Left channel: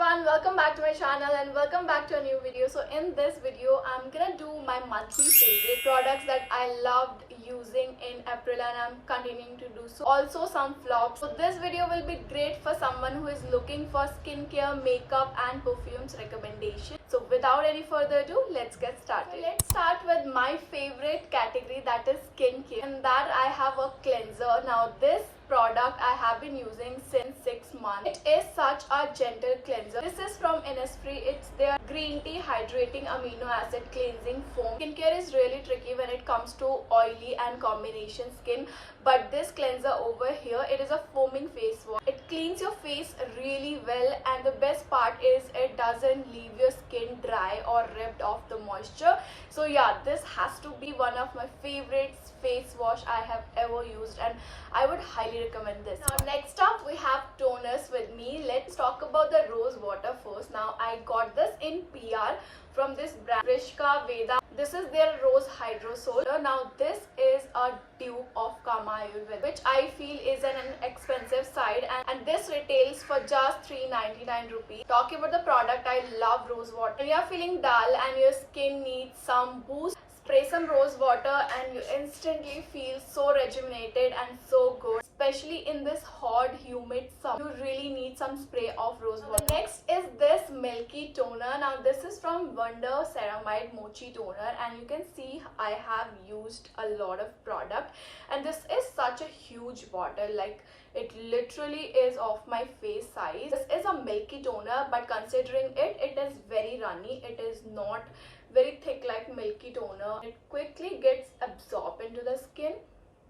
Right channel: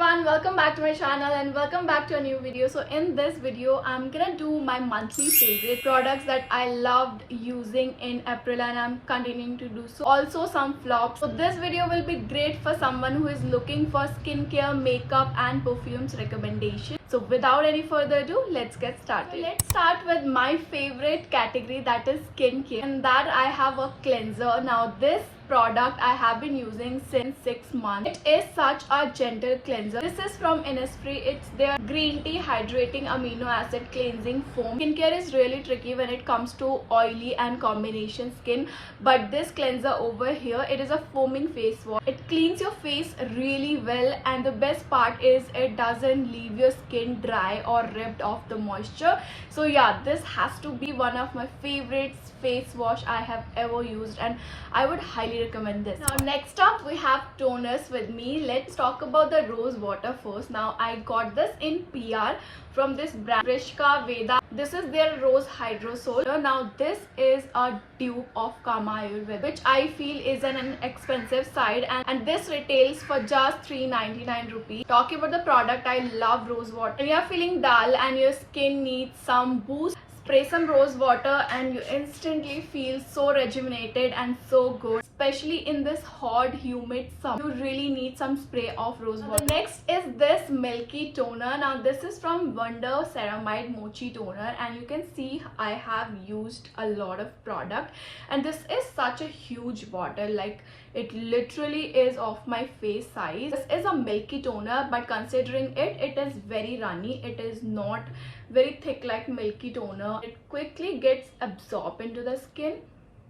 everyone, welcome back to my channel and welcome back to a new video. So in this video I'm gonna do my monthly favorite products that I loved using in April and I'm continuing to do so. Also some flops. So this video will be great for someone who is looking for skincare, makeup and perfumes recommendation. So without any further ado, let's get started. So let's start with my favorite category, that is skincare, and that I have a cleanser. Now this product I have been using since 6 months. It is such a gentle cleanser. This is from Innisfree. It's their green tea hydrating amino acid cleansing foam. Skincare is really tricky when it comes to oily and combination skin, but this cleanser over here, it is a foaming face wash. It cleans your face really well, and the best part is it doesn't leave your skin dry or ripped off the moisture. So yeah, this has to be one of my favorites face wash I have ever used, and I would highly recommend this. Now next up we have toners with me. Let's talk about the rose water first. Now I got this in PR from this brand Rishka Veda. This is their rose hydrosol. Now this is a dupe of Kama Ayurveda, which I feel is an expensive side, and this retails for just 399 rupees. Talking about the product, I love rose water. When you are feeling dull and your skin needs some boost, spray some rose water and you instantly feel so rejuvenated and so good. Especially in this hot, humid summer, you really need some spray of rose water. The next is this milky toner. Now this is from Wonder Ceramide Mochi Toner, and you can see I have used a lot of product, and this is such a huge bottle. Like, it literally is of my face size. This is a milky toner, but considering it is very runny. It is not very thick like milky toner. It quickly gets absorbed into the skin.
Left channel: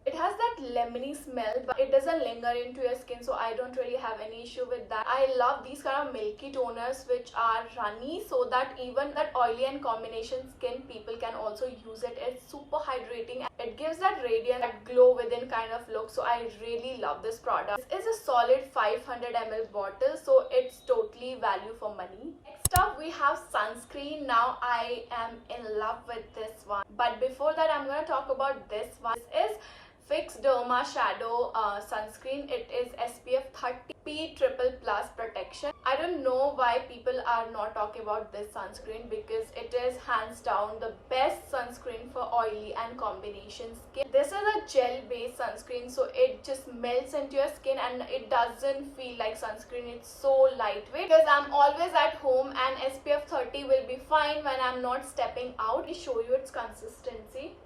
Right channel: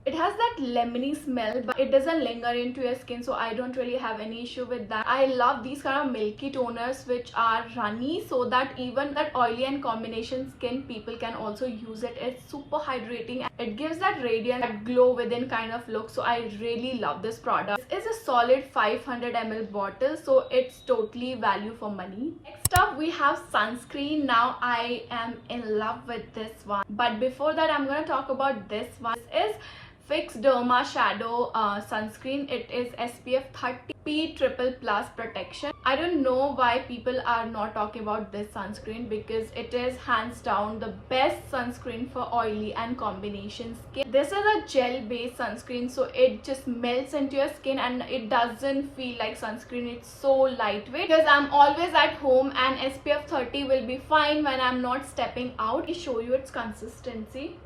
It has that lemony smell, but it doesn't linger into your skin, so I don't really have any issue with that. I love these kind of milky toners which are runny, so that even that oily and combination skin people can also use it. It's super hydrating. It gives that radiant, that glow within kind of look, so I really love this product. This is a solid 500 ml bottle, so it's totally value for money. Next up we have sunscreen. Now I am in love with this one, but before that I'm going to talk about this one. This is Fix Derma Shadow sunscreen. It is SPF 30 P triple plus protection. I don't know why people are not talking about this sunscreen, because it is hands down the best sunscreen for oily and combination skin. This is a gel based sunscreen, so it just melts into your skin and it doesn't feel like sunscreen. It's so lightweight, because I'm always at home and SPF 30 will be fine when I'm not stepping out. Let me show you its consistency.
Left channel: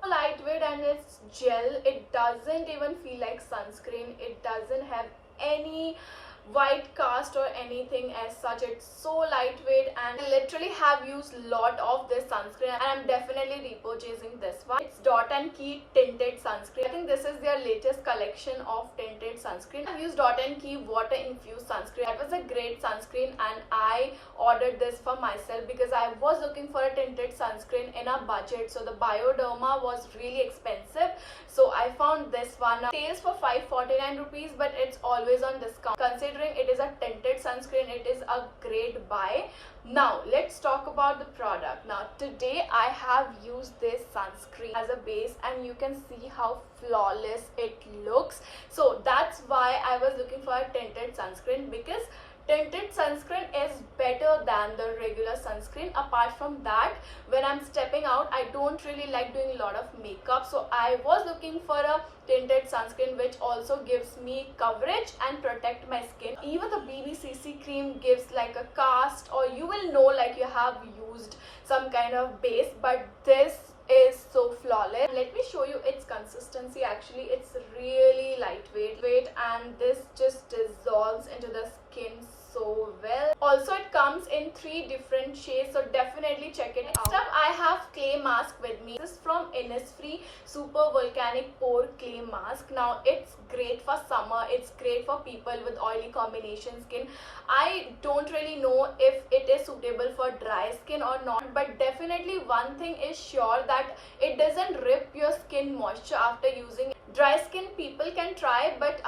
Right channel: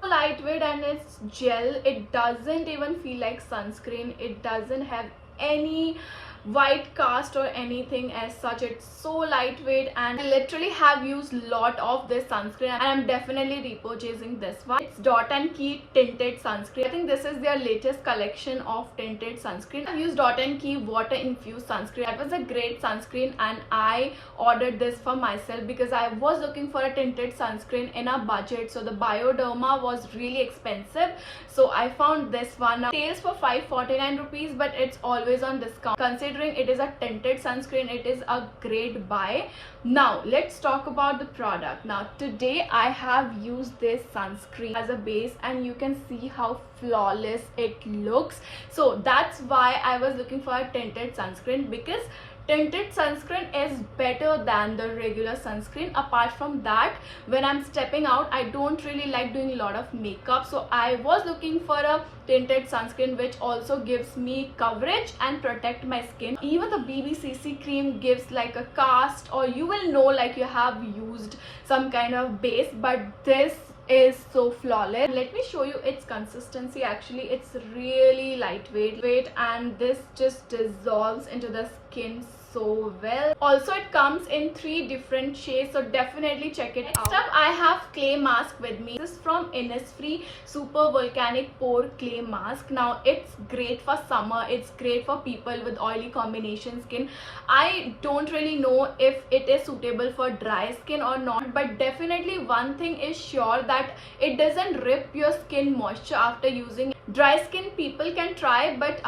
Lightweight and it's gel. It doesn't even feel like sunscreen. It doesn't have any white cast or anything as such. It's so lightweight, and I literally have used a lot of this sunscreen, and I'm definitely repurchasing this one. It's Dot & Key tinted sunscreen. I think this is their latest collection of tinted sunscreen. I've used Dot & Key water infused sunscreen. That was a great sunscreen, and I ordered this for myself because I was looking for a tinted sunscreen in a budget. So the Bioderma was really expensive, so I found this one. Now, it retails for 549 rupees, but it's always on discount. Considering it is a tinted sunscreen, it is a great buy. Now let's talk about the product. Now today I have used this sunscreen as a base, and you can see how flawless it looks. So that's why I was looking for a tinted sunscreen, because tinted sunscreen is better than the regular sunscreen. Apart from that, when I'm stepping out, I don't really like doing a lot of makeup, so I was looking for a tinted sunscreen which also gives me coverage and protect my skin. Even the BBCC cream gives like a cast, or you will know like you have used some kind of base, but this is so flawless. Let me show you its consistency. Actually, it's really lightweight, and this just dissolves into the skin so well. Also, it comes in 3 different shades, so definitely check it out. Next up, I have clay mask with me. This is from Innisfree Super Volcanic Pore Clay Mask. Now it's great for summer. It's great for people with oily combination skin. I don't really know if it is suitable for dry skin or not, but definitely one thing is sure, that it doesn't rip your skin moisture after using it. Dry skin people can try, but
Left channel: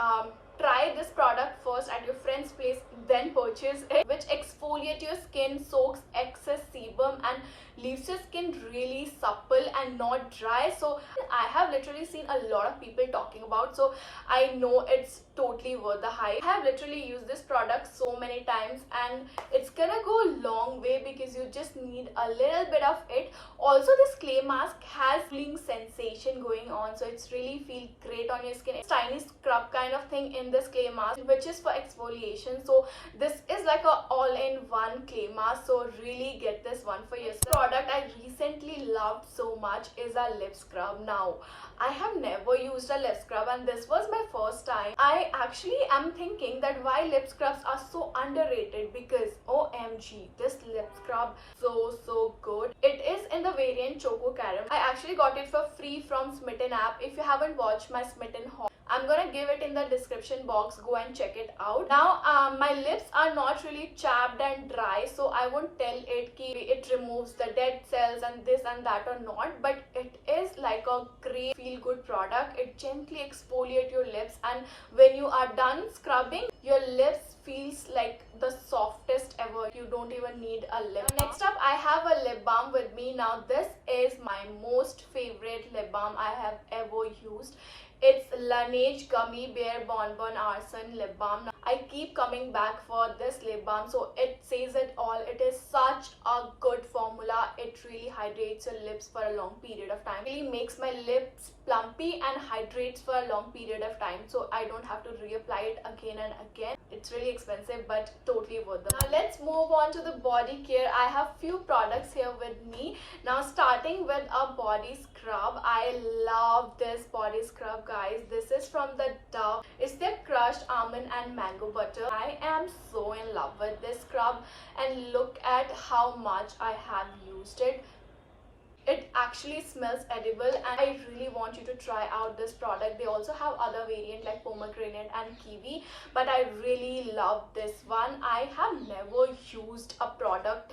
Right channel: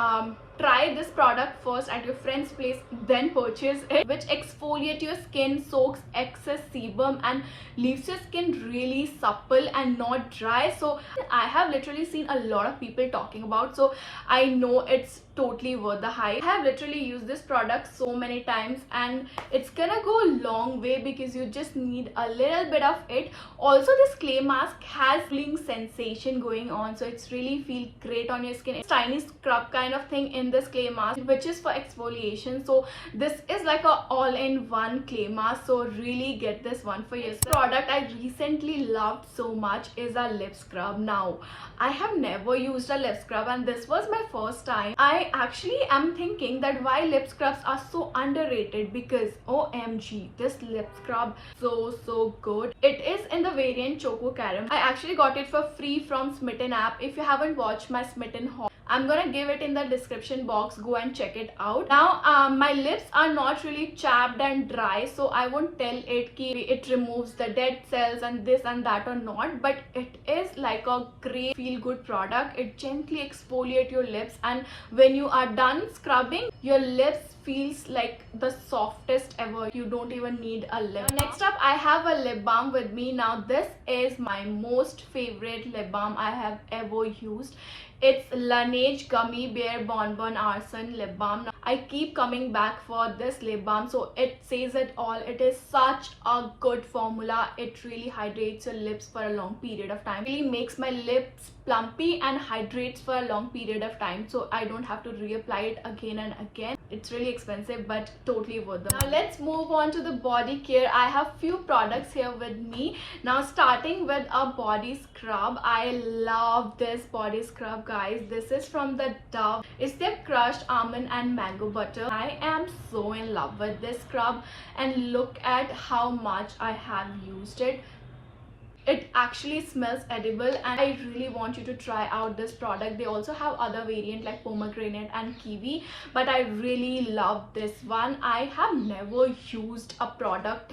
try this product first at your friend's place, then purchase it, which exfoliates your skin, soaks excess sebum and leaves your skin really supple and not dry. So I have literally seen a lot of people talking about, so I know it's totally worth the hype. I have literally used this product so many times and it's gonna go a long way because you just need a little bit of it. Also, this clay mask has cooling sensation going on, so it's really feel great on your skin. It's tiny scrub kind of thing in this clay mask, which is for exfoliation. So this is like a all-in-one clay mask, so really get this one for yourself. This product I recently loved so much is a lip scrub. Now I have never used a lip scrub and this was my first time. I actually am thinking that why lip scrubs are so underrated, because OMG, this lip scrub so good. It is in the variant Choco Caramel. I actually got it for free from Smitten app. If you haven't watched my Smitten haul, I'm gonna give it in the description box. Go and check it out. Now my lips are not really chapped and dry, so I won't tell it ki it removes the dead cells and this and that or not, but it is like a great feel good product. It gently exfoliates your lips, and when you are done scrubbing, your lips feels like the softest ever. You don't even need a lip balm. Next up, I have a lip balm with me. Now this is my most favorite lip balm I have ever used. It's Laneige Gummy Bear Bonbon Arson Lip Balm. Now, I keep coming back for this lip balm, so it says it all. It is such a good formula. It really hydrates your lips for a long period of time. It really makes my lips plumpy and hydrates for a long period of time, so I don't have to reapply it again and again. It's really expensive but totally worth it. Now let's move on to the body care. I have few products here with me. Now starting with a body scrub. I love this body scrub, guys. This is from the Dove. It's their crushed almond and mango butter. I am so in love with this scrub, and look at how much I have used it. It actually smells edible and I really want you to try out this product. They also have other variant like pomegranate and kiwi, but I really love this one. I have never used a product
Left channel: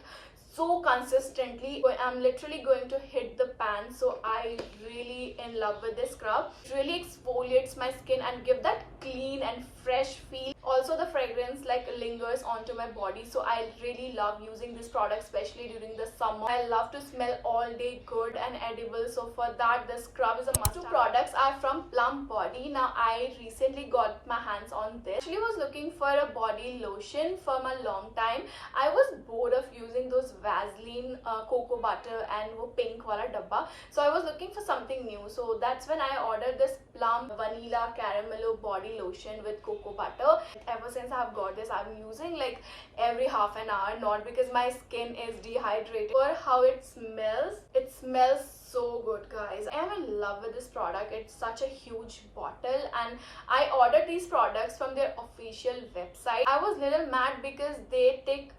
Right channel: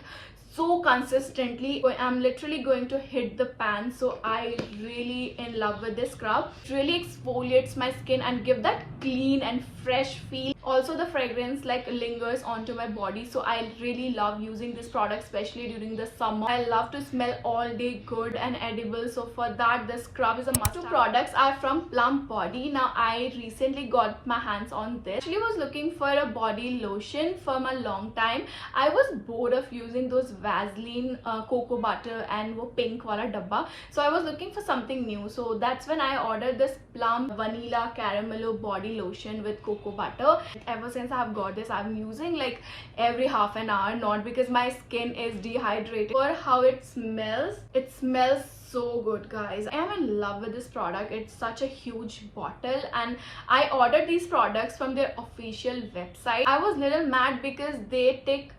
so consistently. I'm literally going to hit the pan, so I really in love with this scrub. It really exfoliates my skin and give that clean and fresh feel. Also the fragrance like lingers onto my body, so I really love using this product, especially during the summer. I love to smell all day good and edible, so for that this scrub is a must. Two products are from Plump Body. Now I recently got my hands on this. Actually was looking for a body lotion for a long time. I was bored of using those Vaseline cocoa butter and wo pink wala dabba, so I was looking for something new. So that's when I ordered this Plump Vanilla Caramello body lotion with cocoa butter. Ever since I've got this, I'm using like every half an hour, not because my skin is dehydrated, or how it smells. It smells so good, guys. I am in love with this product. It's such a huge bottle, and I ordered these products from their official website. I was little mad because they take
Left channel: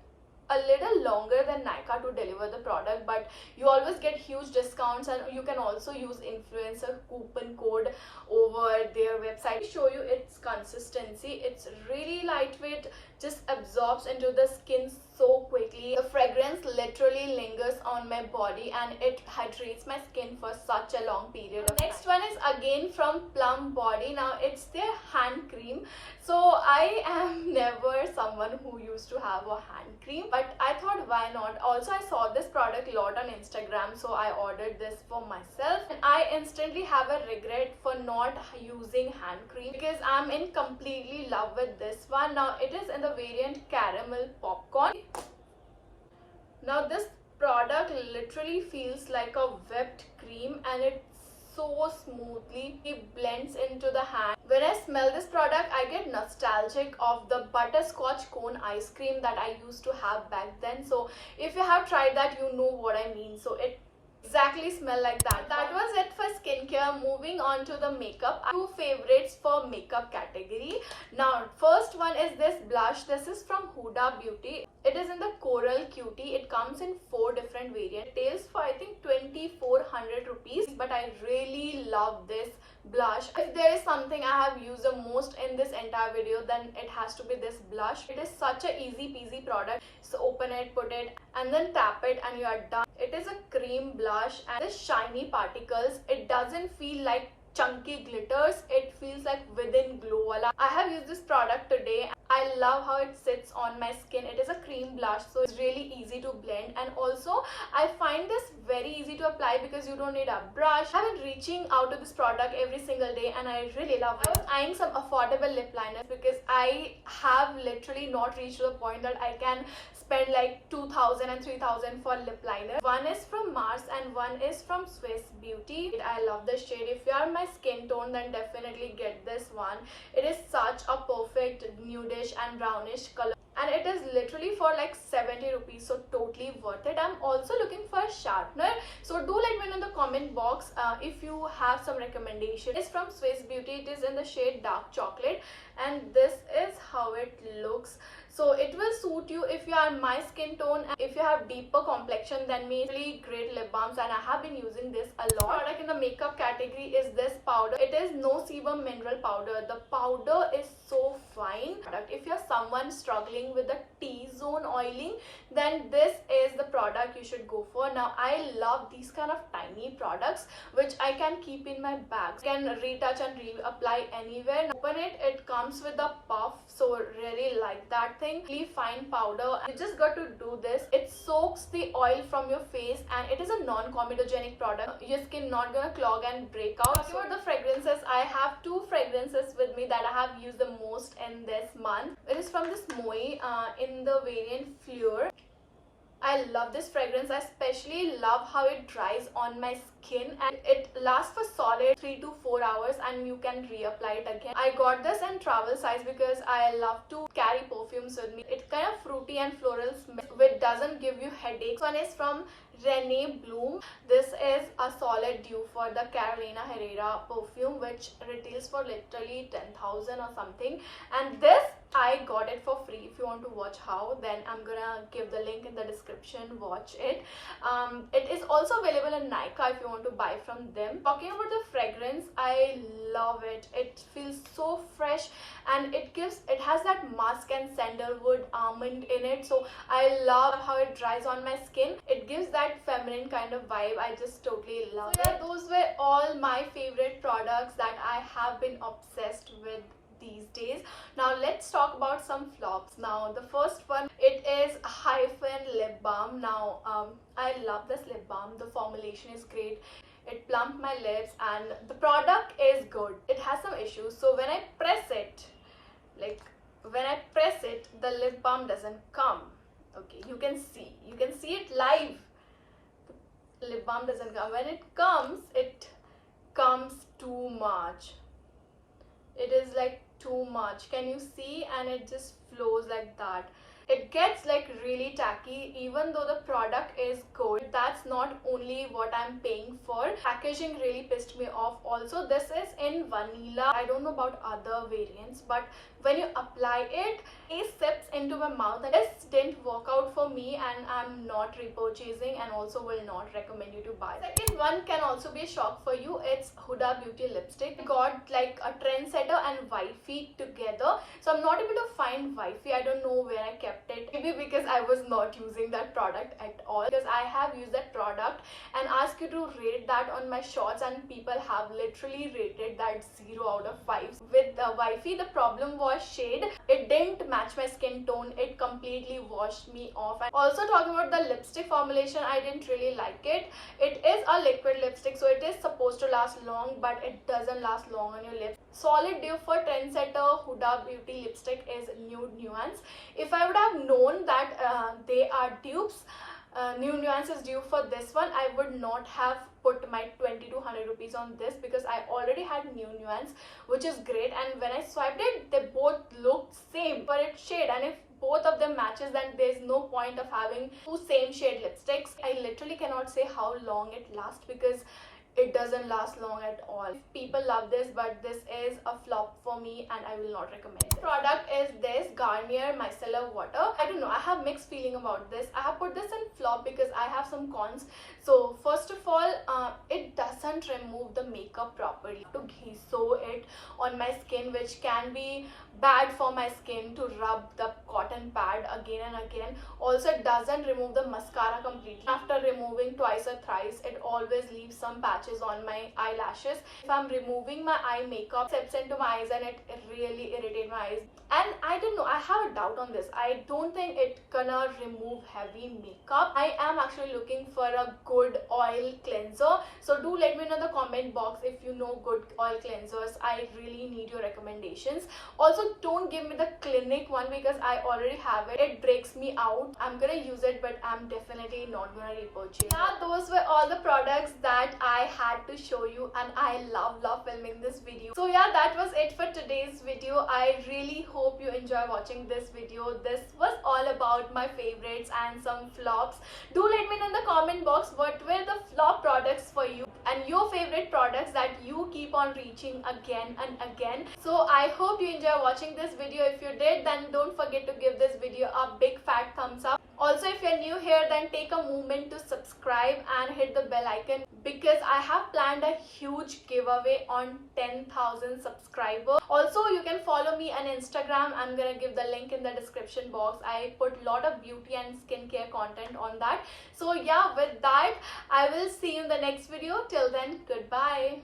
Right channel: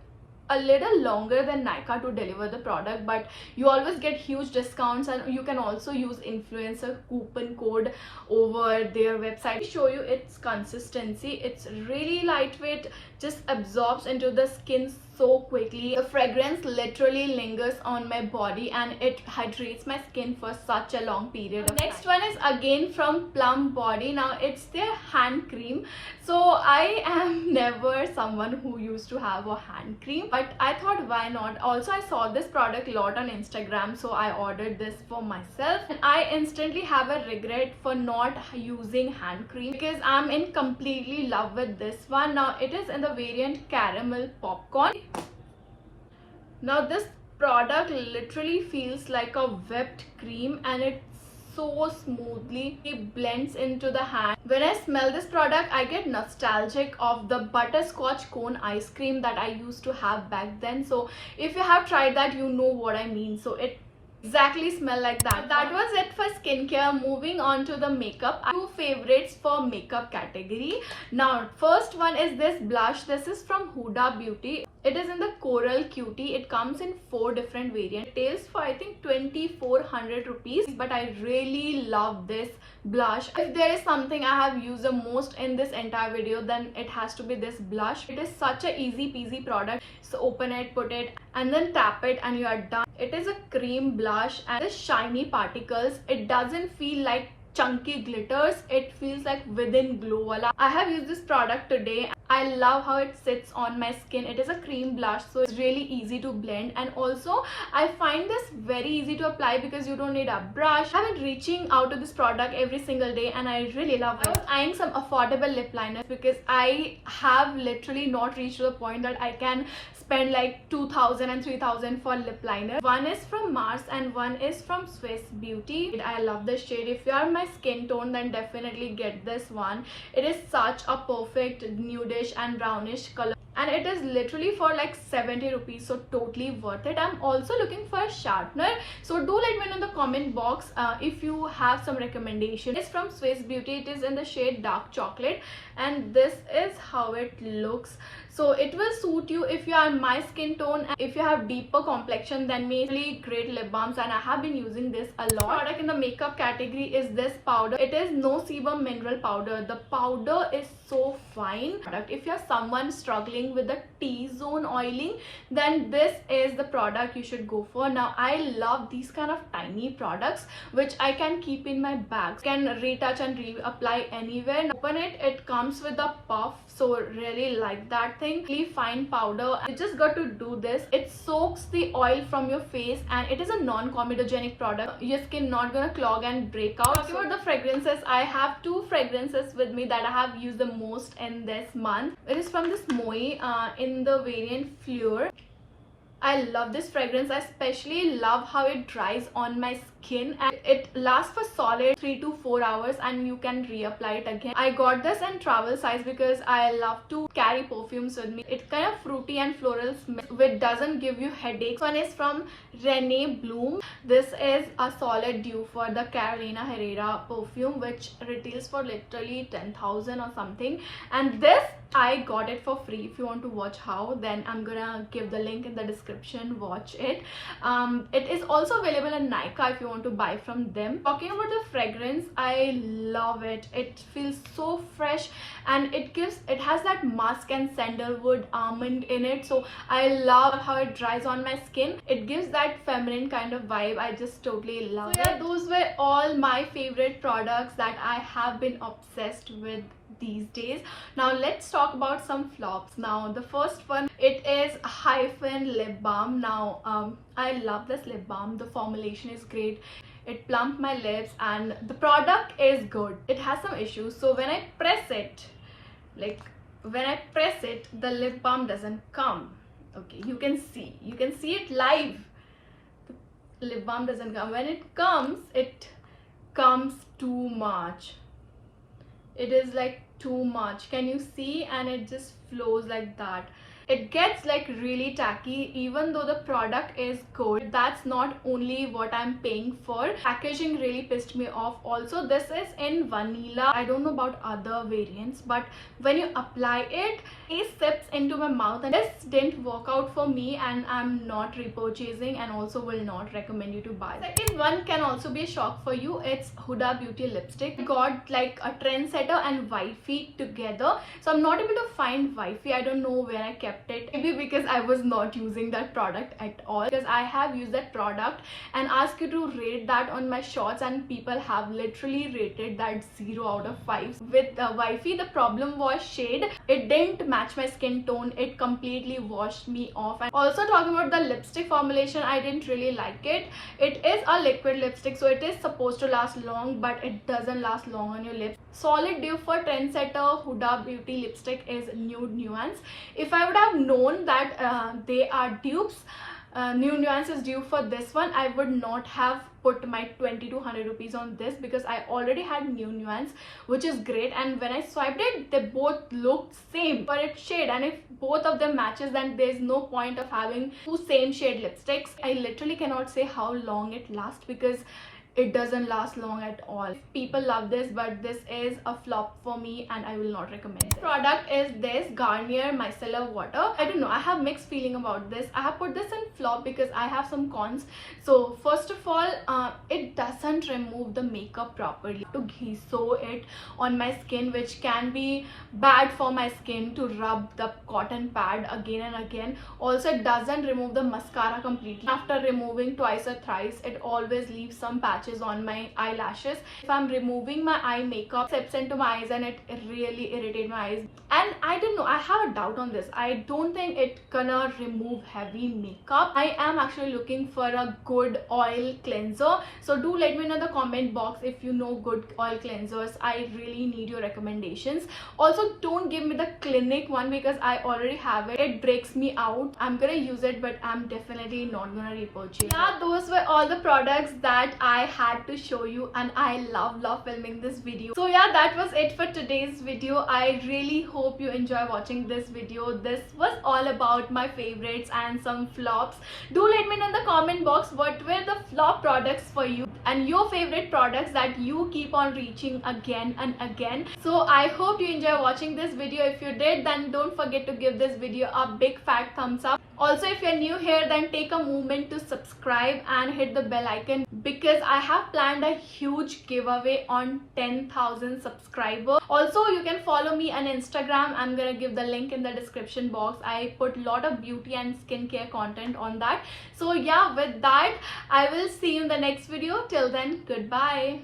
a little longer than Nykaa to deliver the product, but you always get huge discounts, and you can also use influencer coupon code over their website. Show you its consistency. It's really lightweight, just absorbs into the skin so quickly. The fragrance literally lingers on my body and it hydrates my skin for such a long period of time. Next one is again from Plump Body. Now it's their hand cream. So I am never someone who used to have a hand cream, but I thought why not. Also I saw this product a lot on Instagram, so I ordered this for myself, and I instantly have a regret for not using hand cream because I'm in completely love with this one. Now it is in the variant Caramel Popcorn. Now this product literally feels like a whipped cream, and it so smoothly it blends into the hand. When I smell this product, I get nostalgic of the butterscotch cone ice cream that I used to have back then. So if you have tried that, you know what I mean. So it exactly smell like that. That was it for skincare. Moving on to the makeup. Two favorites for makeup category. Now first one is this blush. This is from Huda Beauty. It is in the Coral Cutie. It comes in 4 different variants. It is for I think 2400 rupees, but I really love this blush. If there is something I have used the most in this entire video, then it has to be this blush. It is such a easy peasy product. So open it, put it, and then tap it and you are done. It is a cream blush and the shiny particles. It doesn't feel like chunky glitters. It feels like within glow wala. I have used this product today. I love how it sits on my skin. It is a cream blush, so it's really easy to blend, and also I find this very easy to apply because you don't need a brush. I've been reaching out to this product every single day and I really love it. I was eyeing some affordable lip liners because I have literally not reached the point that I can spend like 2,000 and 3,000 for lip liner. One is from Mars and one is from Swiss Beauty. I love this shade. If you are my skin tone, then definitely get this one. It is such a perfect nudish and brownish color, and it is literally for like 70 rupees, so totally worth it. I'm also looking for a sharpener, so do let me know in the comment box if you have some recommendation. It's from Swiss Beauty. It is in the shade Dark Chocolate, and this is how it looks. So it will suit you if you are my skin tone, and if you have deeper complexion, then really great lip balms, and I have been using this a lot. Product in the makeup category is this powder. It is No Sebum mineral powder. The powder is so fine. If you're someone struggling with the T-zone oiling, then this is the product you should go for. Now I love these kind of tiny products which I can keep in my bag, can retouch and reapply anywhere. Now, open it, it comes with a puff, so really like that thing. Really fine powder. You just got to do this. It soaks the oil from your face, and it is a non-comedogenic product. Your skin not gonna clog and break out. Talking about the fragrances, I have two fragrances with me that I have used the most in this month. It is from this Moe in the variant Fleur. I love this fragrance. I especially love how it dries on my skin, and it lasts for solid 3 to 4 hours, and you can reapply it again. I got this in travel size because I love to carry perfumes with me. It's kind of fruity and floral smell which doesn't give you headaches. One is from Rene Bloom. This is a solid dupe for the Carolina Herrera perfume, which retails for literally 10,000 or something, and this I got it for free. If you want to watch how, then I'm gonna give the link in the description. Watch it. It is also available in Nykaa if you want to buy from them. Talking about the fragrance, I love it. It feels so fresh, and it has that musk and sandalwood almond in it, so I love how it dries on my skin. It gives that feminine kind of vibe. I just totally love it. Yeah, those were all my favorite products that I have been obsessed with these days. Now let's talk about some flops. Now the first one, it is Hyphen lip balm. Now I love this lip balm. The formulation is great. It plumped my lips, and the product is good. It has some issues. So when I press it, the lip balm doesn't come. Okay, you can see it live. The lip balm doesn't come. When it comes too much. It is like too much. Can you see? And it just flows like that. It gets like really tacky even though the product is good. That's not only what I'm paying for. Packaging really pissed me off. Also, this is in vanilla. I don't know about other variants, but when you apply it, it sips into my mouth, and this didn't work out for me, and I'm not repurchasing, and also will not recommend you to buy. Second one can also be a shock for you. It's Huda Beauty lipstick. Got like a Trendsetter and Wifey together, so I'm not able to find Wifey. I don't know where I kept it. Maybe because I was not using that product at all, because I have used that product and asked you to rate that on my shorts, and people have literally rated that 0 out of 5. With Wifey, the problem was shade. It didn't match my skin tone. It completely washed me off. And also talking about the lipstick formulation, I didn't really like it. It is a liquid lipstick, so it is supposed to last long, but it doesn't last long on your lips. Solid dupe for Trendsetter Huda Beauty lipstick is Nude Nuance. If I would have known that they are dupes, Nude Nuance is due for this one, I would not have put my 20 to 100 rupees on this, because I already had Nude Nuance, which is great, and when I swiped it, they both looked same for its shade, and if both of them matches, then there's no point of having two same shade lipsticks. I literally cannot say how long it lasts, because it doesn't last long at all. People love this, but this is a flop for me, and I will not recommend it. Product is this Garnier Micellar Water. I don't know, I have mixed feeling about this. I have put this in flop because I have some cons. So first of all, it doesn't remove the makeup properly. To sew it on my skin, which can be bad for my skin, to rub the cotton pad again and again. Also, it doesn't remove the mascara completely. After removing twice or thrice, it always leaves some patches patches on my eyelashes. If I'm removing my eye makeup, it seeps into my eyes and it really irritates my eyes. And I don't know, I have a doubt on this. I don't think it gonna remove heavy makeup. I am actually looking for a good oil cleanser, so do let me know in the comment box if you know good oil cleansers. I really need your recommendations. Also, don't give me the Clinique one because I already have it. It breaks me out. I'm gonna use it, but I'm definitely not gonna repurchase. Yeah, those were all the products that I had to show you, and I love filming this video. So yeah, that was it for today's video. I really hope you enjoy watching this video. This was all about my favorites and some flops. Do let me know in the comment box what were the flop products for you and your favorite products that you keep on reaching again and again. So I hope you enjoy watching this video. If you did, then don't forget to give this video a big fat thumbs up. Also, if you're new here, then take a moment to subscribe and hit the bell icon because I have planned a huge giveaway on 10,000 subscribers. Also, you can follow me on Instagram. I'm gonna give the link in the description box. I put a lot of beauty and skincare content on that. So yeah, with that, I will see you in the next video. Till then, goodbye.